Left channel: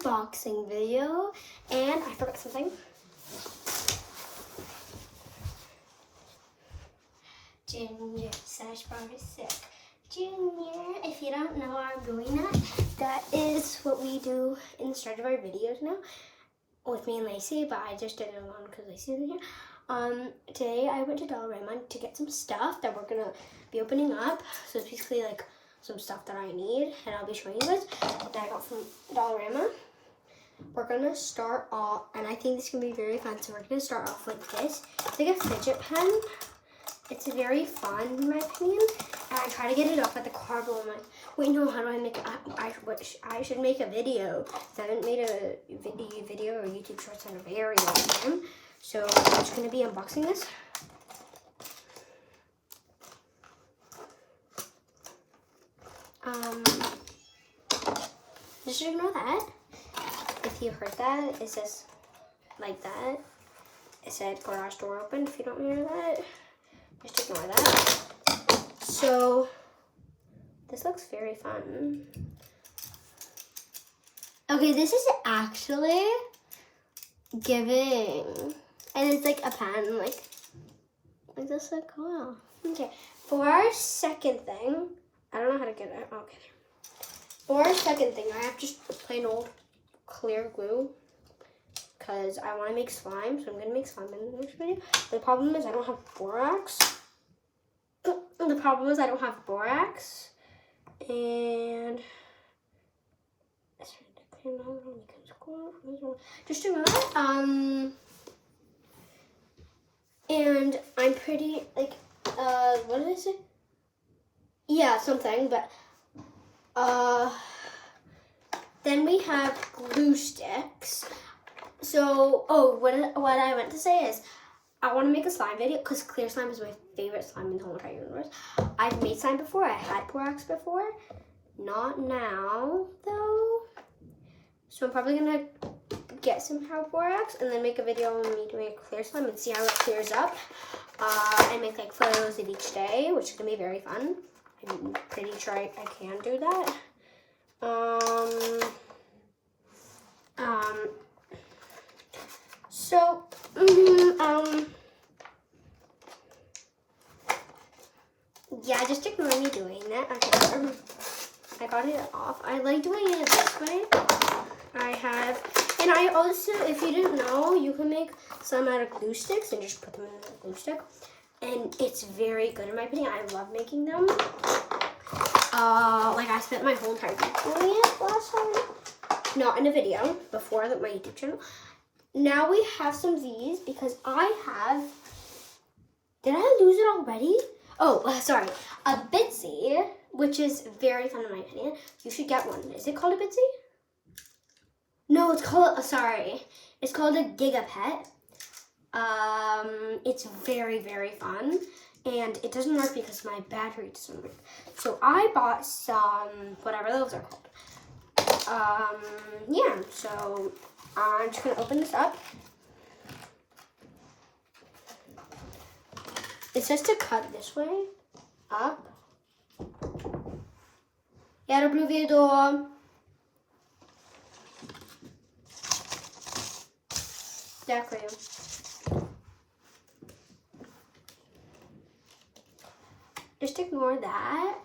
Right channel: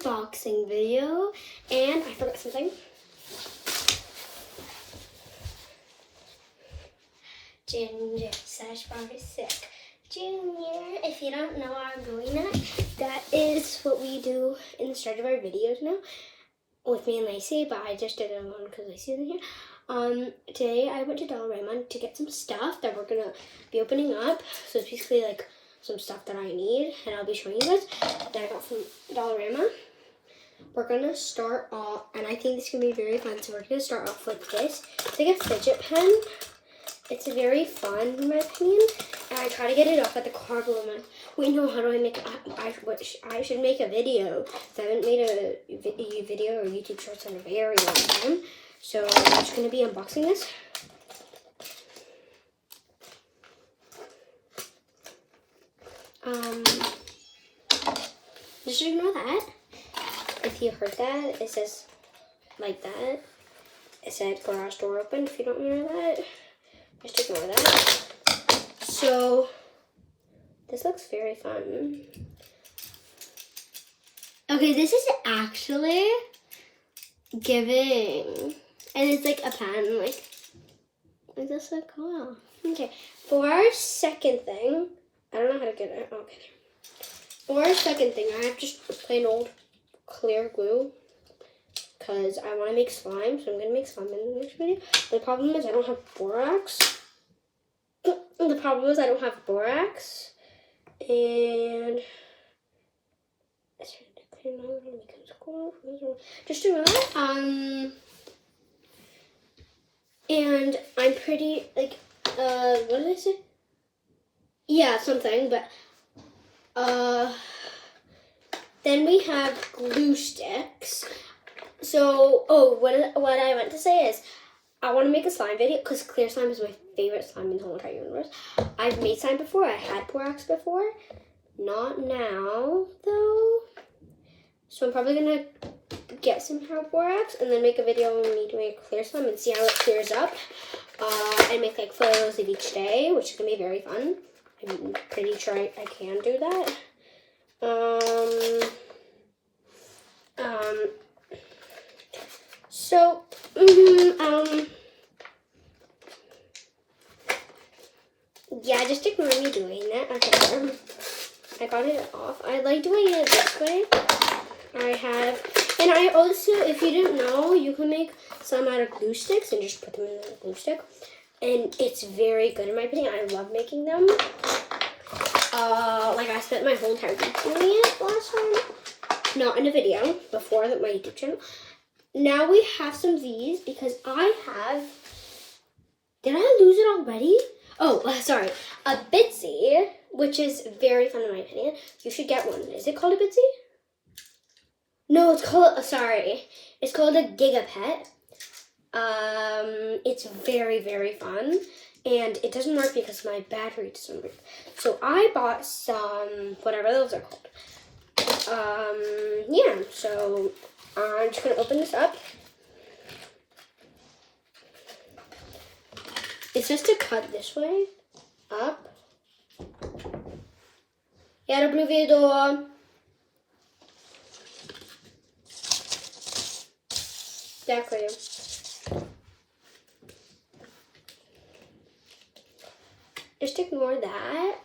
unboxing video, and I forgot something. Ginger slash Barbie sick. Junior, if you don't know what I'm doing at, that is what we do in the start of our videos now with me and Lacey, but I just did it alone because Lacey isn't here. Today I went to Dollarama to get some stuff that we're gonna be opening up. So it's basically like some stuff that I need, and I'll be showing you guys that I got from Dollarama. We're gonna start off, and I think this is gonna be very fun. So we're gonna start off with this. It's like a fidget pen. It's very fun in my opinion, and I try to get it off at the car, but I'm like, wait, no, how do I make it? I should make a video. I haven't made a video or YouTube shorts in a very long time, so I'm just gonna be unboxing this. Just ignore that. If you heard that, it says like that. It said garage door open. If you don't hear that, just ignore that. So this looks very fun. Okay, this is actually giving, and it's like a pen, like this so cool. Okay, for our second thing, I don't know how to get it. Okay, for our second thing, I have just plain old clear glue because I want to make slime, so I'm gonna make slime in the next video. The problem is I don't have borax. And just a minute. And I'm pretty like what did I say? Yeah, something, but then we have glue sticks. So, what I meant to say is I want to make a slime video because clear slime is my favorite slime in the whole entire universe. I've made slime before. I had borax before. Not now, though. So I'm probably going to get some borax and then make a video on me doing a clear slime and see how it clears up. And make like photos of each day, which is going to be very fun. I'm pretty sure I can do that. Yeah, just ignore me doing that. Okay, I got it off. I like doing it this way. And I also, if you didn't know, you can make some out of glue sticks and just put them in a glue stick. And it's very good in my opinion. I love making them. Like I spent my whole entire week doing it last time. Not in a video, before my YouTube channel. Now we have some of these because I have, did I lose it already? Oh, sorry. A Bitsy, which is very fun in my opinion. You should get one. Is it called a Bitsy? No, it's called, it's called a Gigapet. It's very, very fun. And it doesn't work because my battery doesn't work. So I bought some, whatever those are called. Yeah, so I'm just going to open this up. It's just to cut this way, up. Я люблю видео. Дякую. Just ignore that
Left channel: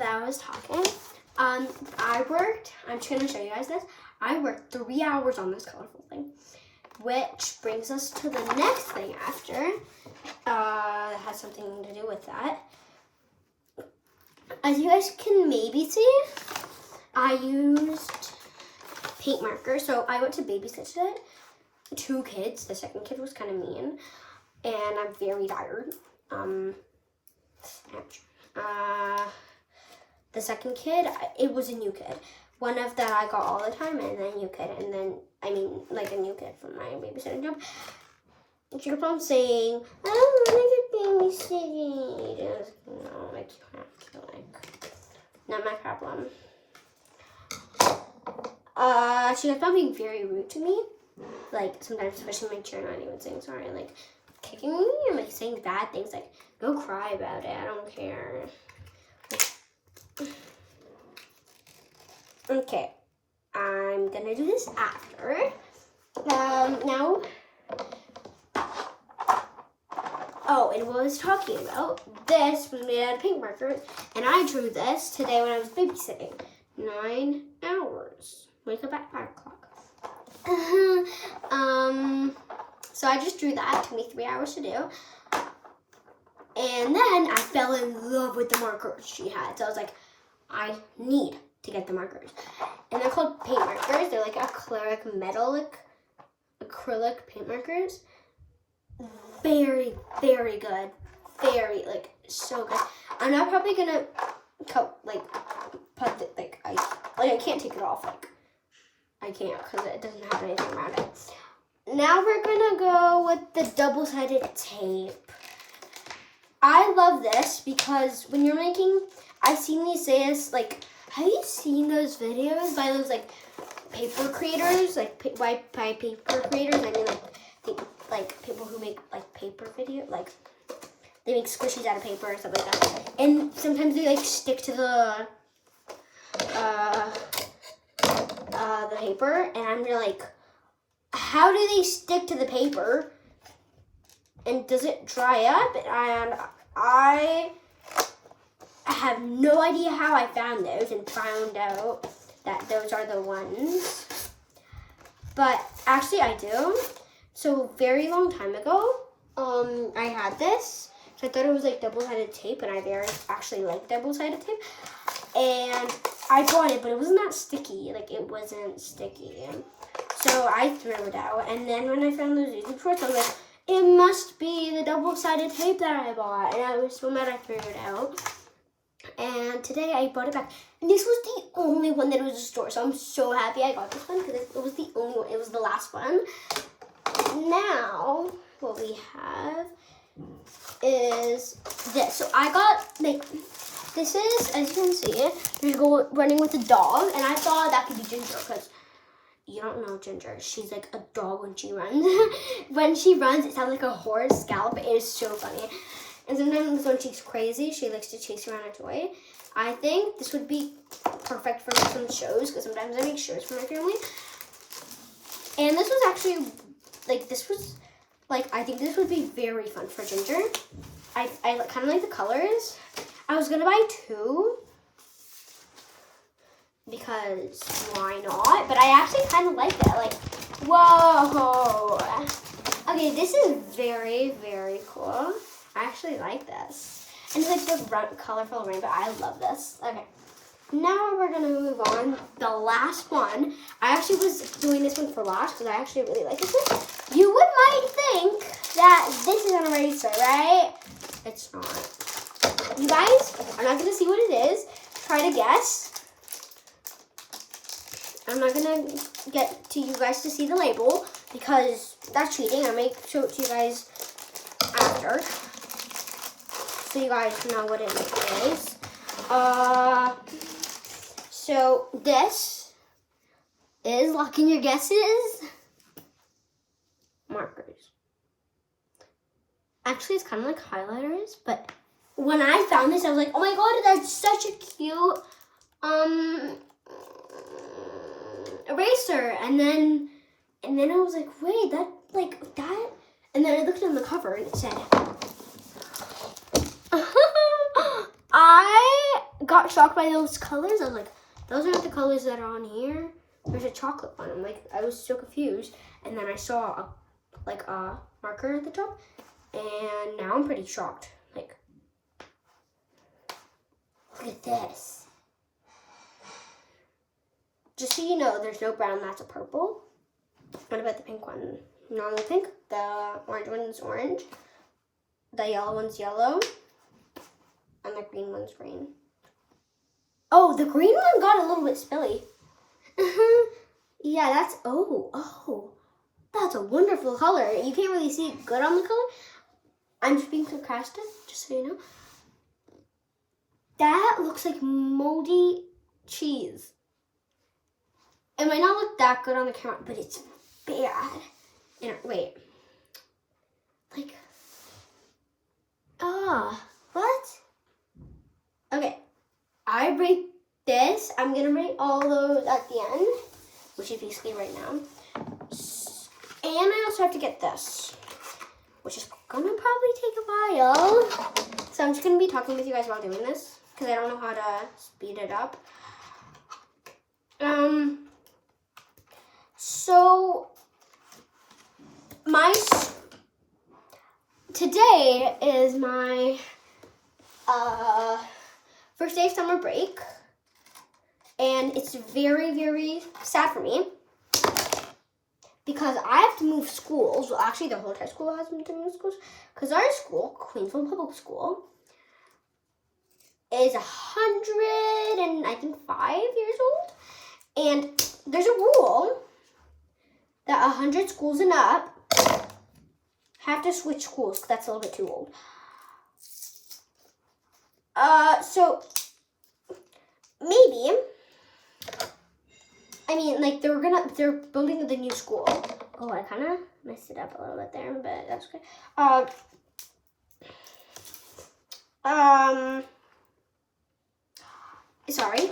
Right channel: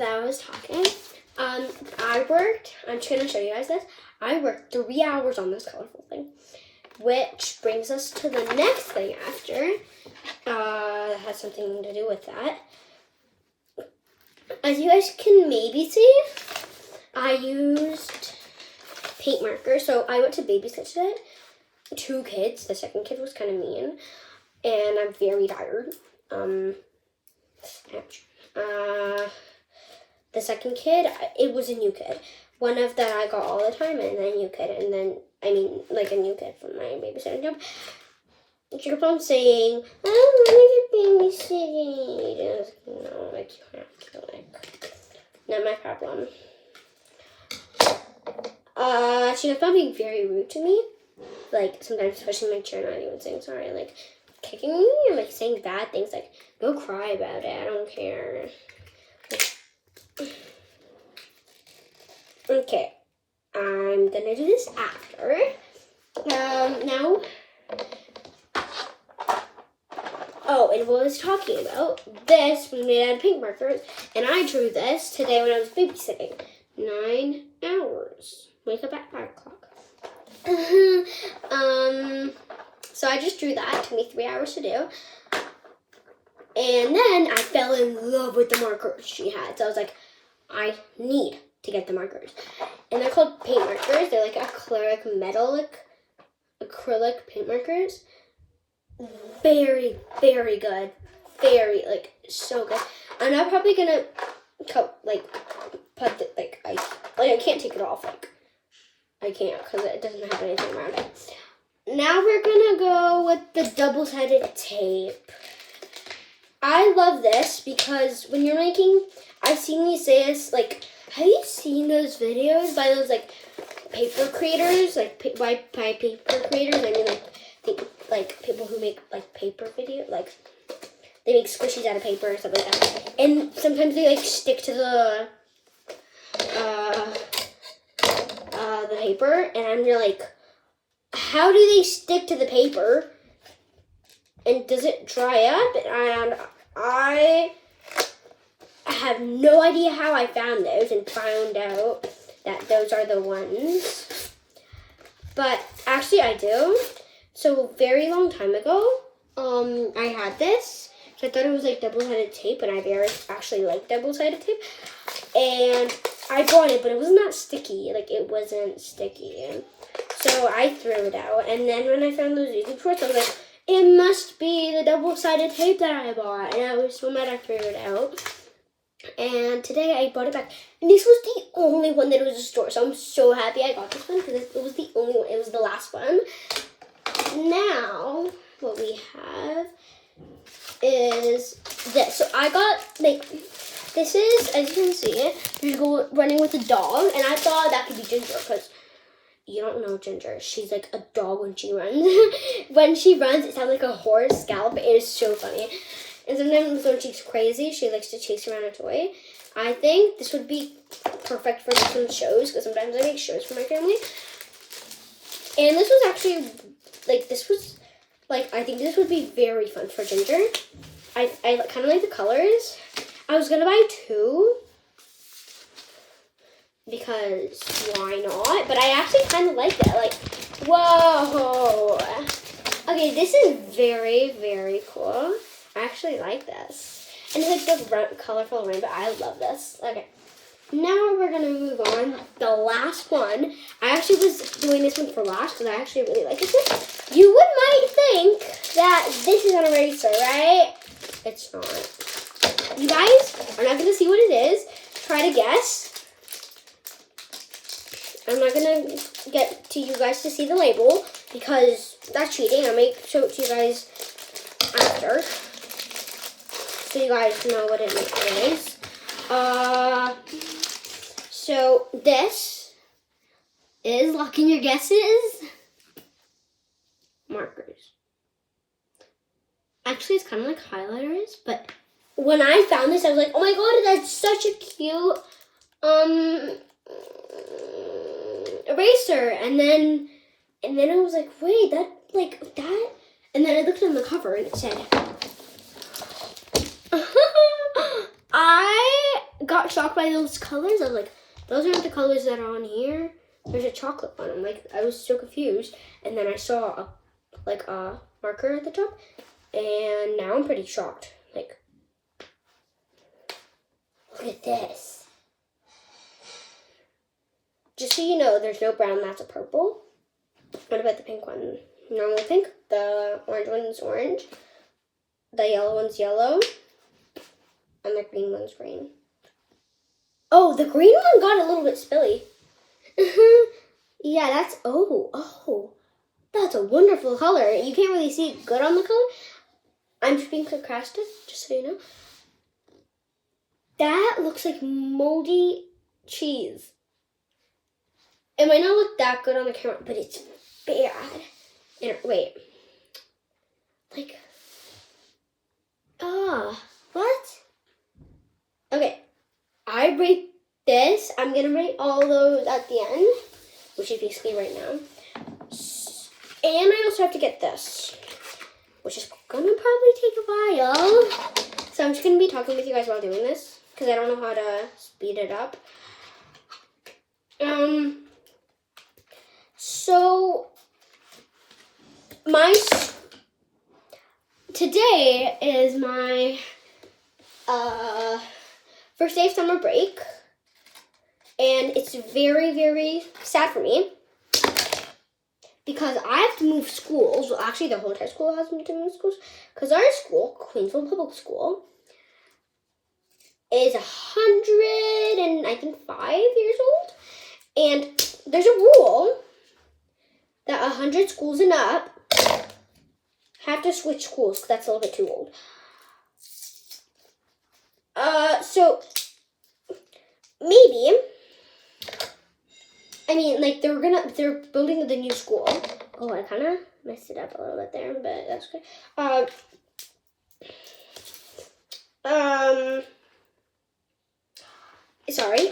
I was talking. I'm just going to show you guys this. I worked 3 hours on this colorful thing, which brings us to the next thing after. Has something to do with that. As you guys can maybe see, I used paint marker. So I went to babysit today. 2 kids. The second kid was kind of mean, and I'm very tired. The second kid, it was a new kid. One of that I got all the time, and then a new kid, and then, like a new kid from my babysitting job. She kept on saying, I don't want to get babysitting. No, like, you have to, like, not my problem. She kept on being very rude to me. Like, sometimes pushing my chair, not even saying sorry, like, kicking me, and, like, saying bad things, like, go cry about it, I don't care. Okay. I'm gonna do this after. Now, oh, and what I was talking about, this was made out of pink markers, and I drew this today when I was babysitting. 9 hours. Wake up at 5 o'clock. So I just drew that. It took me 3 hours to do. And then I fell in love with the markers she had. So I was like, I need to get the markers. And they're called paint markers. They're like acrylic paint markers. Very, very good. Very, like, so good. I'm not probably gonna put the, I can't take it off. Like, I can't because it doesn't have anything around it. Now we're gonna go with the double-sided tape. I love this because when you're making, I've seen you say this, like, have you seen those videos by those, like, paper creators? Like, by paper creators, I mean, like people who make, like, paper video, like, they make squishies out of paper or stuff like that. And sometimes they, like, stick to the paper, and I'm like, how do they stick to the paper? And does it dry up? And I have no idea how I found those and found out that those are the ones. But actually I do. So very long time ago, I had this. So I thought it was like double-sided tape, and I actually like double-sided tape. And I bought it, but it wasn't that sticky. Like, it wasn't sticky. So I threw it out. And then when I found those YouTube shorts, I was like, it must be the double-sided tape that I bought. And I was so mad I threw it out. And today I brought it back. And this was the only one that was in the store. So I'm so happy I got this one because it was the only one. It was the last one. Now, what we have is this. So I got, like, this is, as you can see, there's running with a dog. And I thought that could be Ginger because you don't know Ginger. She's like a dog when she runs. When she runs, it sounds like a horse gallop. It is so funny. And sometimes when she's crazy, she likes to chase around a toy. I think this would be perfect for some shows because sometimes I make shows for my family. And this was actually, like, I think this would be very fun for Ginger. I kind of like the colors. I was going to buy 2 because why not? But I actually kind of like that. Like, whoa. Okay, this is very, very cool. I actually like this. And it's like the colorful rainbow. I love this. Okay. Now we're going to move on. The last one. I actually was doing this one for last because I actually really like this one. You might think that this is an eraser, right? It's not. You guys are not going to see what it is. Try to guess. I'm not going to get to you guys to see the label because that's cheating. I may show it to you guys after, so you guys know what it is. So this is locking your guesses. Markers. Actually, it's kind of like highlighters, but when I found this, I was like, oh my god, that's such a cute eraser. And then I was like, wait, that. And then I looked on the cover and it said, I got shocked by those colors. I was like, those aren't the colors that are on here. There's a chocolate one. I'm like, I was so confused. And then I saw a marker at the top. And now I'm pretty shocked. Like, look at this. Just so you know, there's no brown, that's a purple. What about the pink one? Normal pink. The orange one's orange. The yellow one's yellow. And the green one's green. Oh, the green one got a little bit spilly. Yeah, that's, that's a wonderful color. You can't really see it good on the color. I'm just being sarcastic, just so you know. That looks like moldy cheese. It might not look that good on the camera, but it's bad. Wait. Like, what? Okay, I rate this. I'm going to rate all those at the end. which is basically right now. And I also have to get this, which is gonna probably take a while. So I'm just gonna be talking with you guys while doing this because I don't know how to speed it up. So today is my first day of summer break, and it's very, very sad for me because I have to move schools. Well, actually, the whole entire school has to move schools because our school, Queensville Public School, is 105 years old, and there's a rule that 100 schools and up have to switch schools because that's a little bit too old. So maybe, I mean, like they're building the new school. Oh, I kind of messed it up a little bit there, but that's okay. Sorry.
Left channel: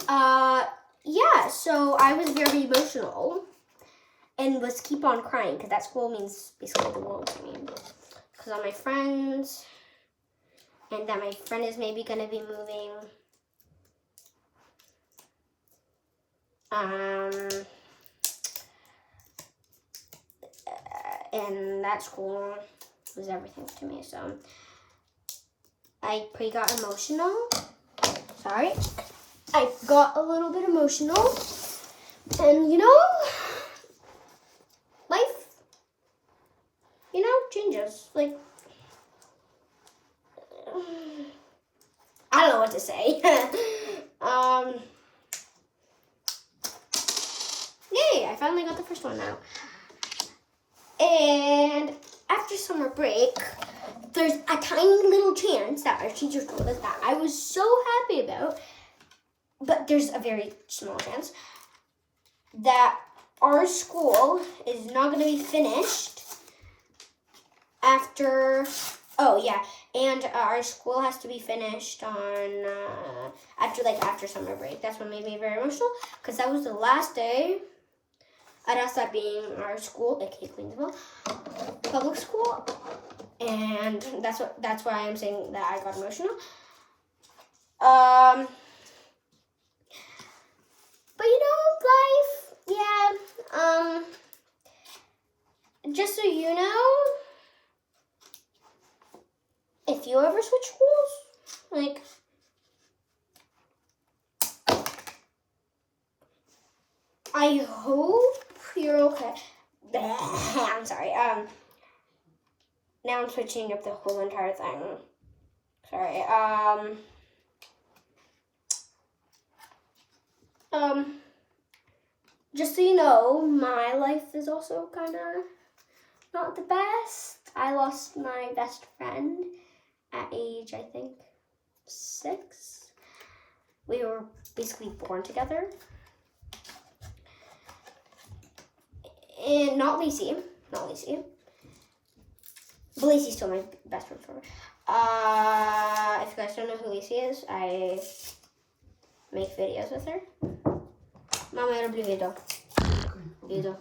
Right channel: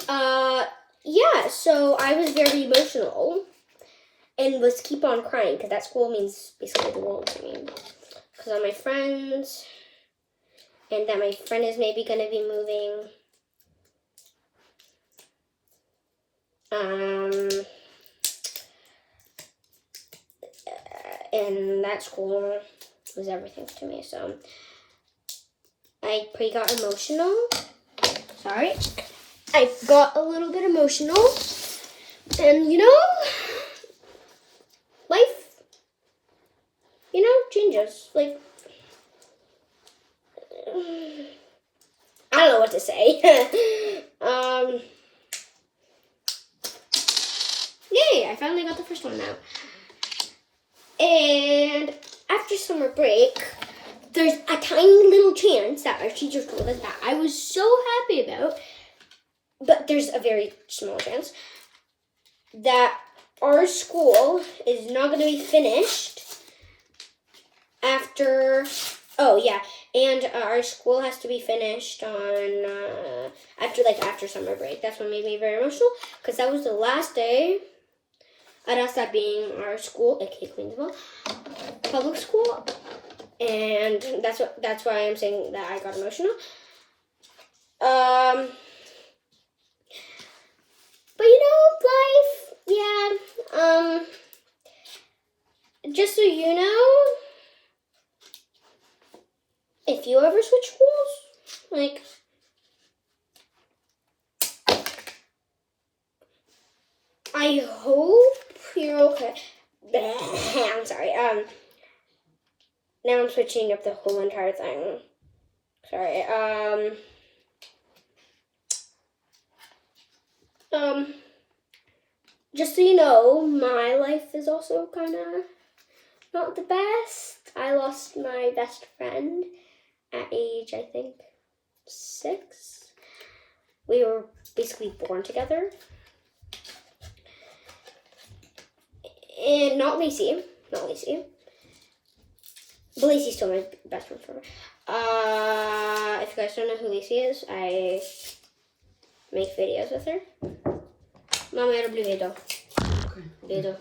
Yeah, so I was very emotional and was keep on crying because that school means basically the world to me. Because of my friends, and that my friend is maybe going to be moving. And that school was everything to me, so I pretty got emotional. Sorry. I got a little bit emotional, and life, changes. Like, I don't know what to say. Yay, I finally got the first one now. And after summer break, there's a tiny little chance that our teachers told us that I was so happy about, but there's a very small chance that our school is not going to be finished after, and our school has to be finished on, after summer break. That's what made me very emotional, because that was the last day at us, that being our school, aka Queensville Public School, and that's why I'm saying that I got emotional. But life, yeah. Just so you know, if you ever switch schools, like, I hope you're okay. I'm sorry. Now I'm switching up the whole entire thing. Sorry. Just so you know, my life is also kind of not the best. I lost my best friend at age, I think, 6. We were basically born together. And not Lacey. But Lacey's still my best friend forever. If you guys don't know who Lacey is, I make videos with her. Mama, ja robię video. Video.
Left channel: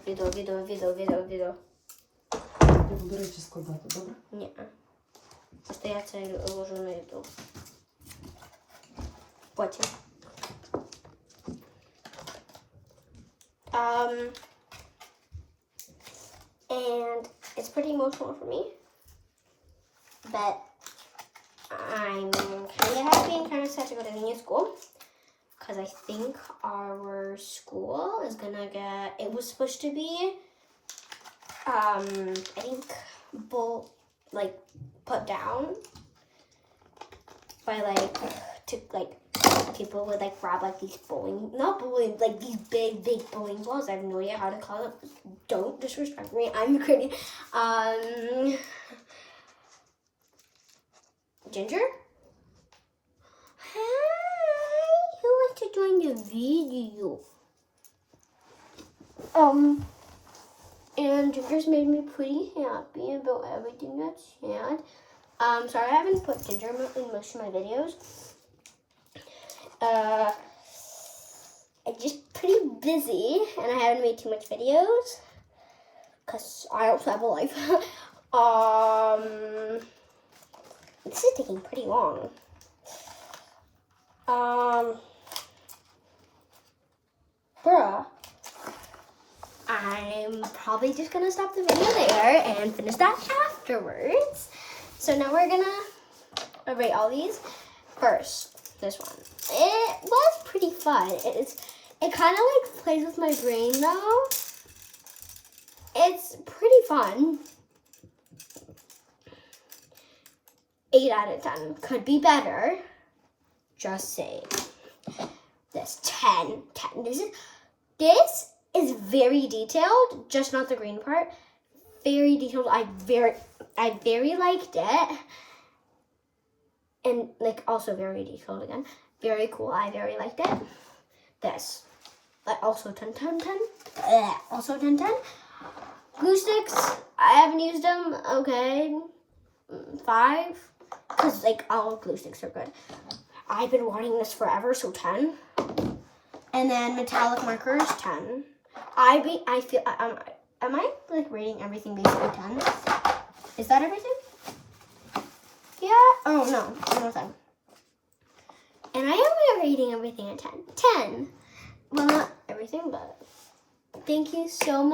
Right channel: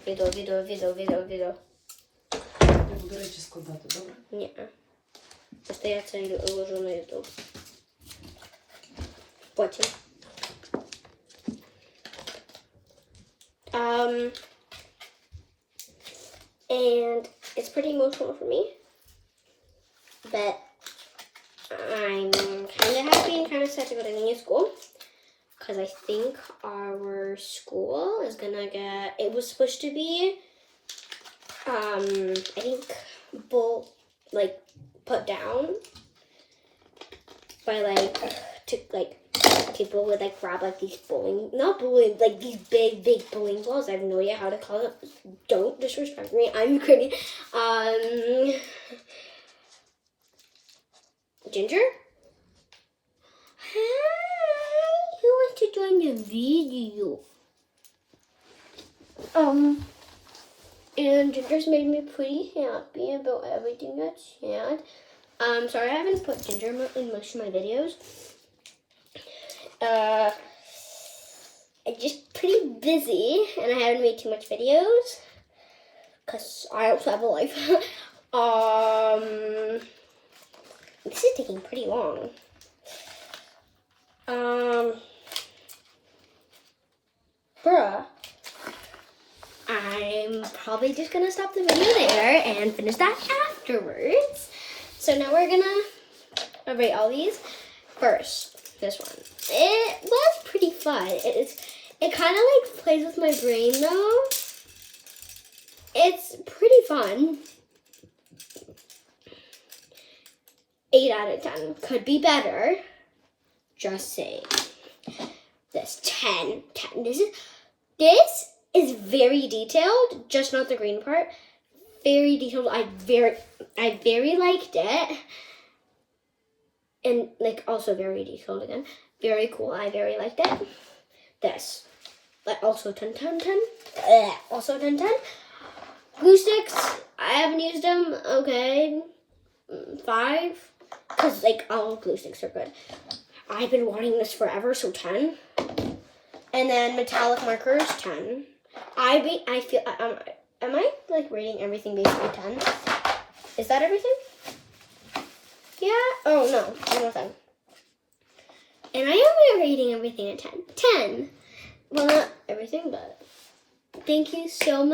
Вибирайте складати, добре? Ні. Просто я це ложу на YouTube. Потім. And it's pretty emotional for me. But I'm kind of happy and kind of sad to go to the new school. Because I think our school is gonna get, it was supposed to be, I think, put down by, people would, grab, these these big bowling balls. I have no idea how to call it. Don't disrespect me. I'm Ukrainian. Ginger? Hi. Who wants to join the video? And Ginger's made me pretty happy about everything that's sad. Sorry I haven't put Ginger in most of my videos. I just pretty busy and I haven't made too much videos because I also have a life. This is taking pretty long. Bruh. I'm probably just gonna stop the video there and finish that afterwards. So now we're gonna rate all these. First, this one. It was pretty fun. It kind of like plays with my brain though. It's pretty fun. 8 out of 10. Could be better. Just saying. This 10. 10. This is very detailed, just not the green part. Very detailed. I very liked it. And like also very detailed again. Very cool. I very liked it. This. Also 10, 10, 10. Also 10, 10. Glue sticks. I haven't used them. Okay. 5. Because like all glue sticks are good. I've been wanting this forever, so 10. And then metallic markers, 10. Am I like rating everything based on 10? Is that everything? Yeah? Oh no, one more time. And I am rating everything at 10. 10. Well, not everything, but thank you so much.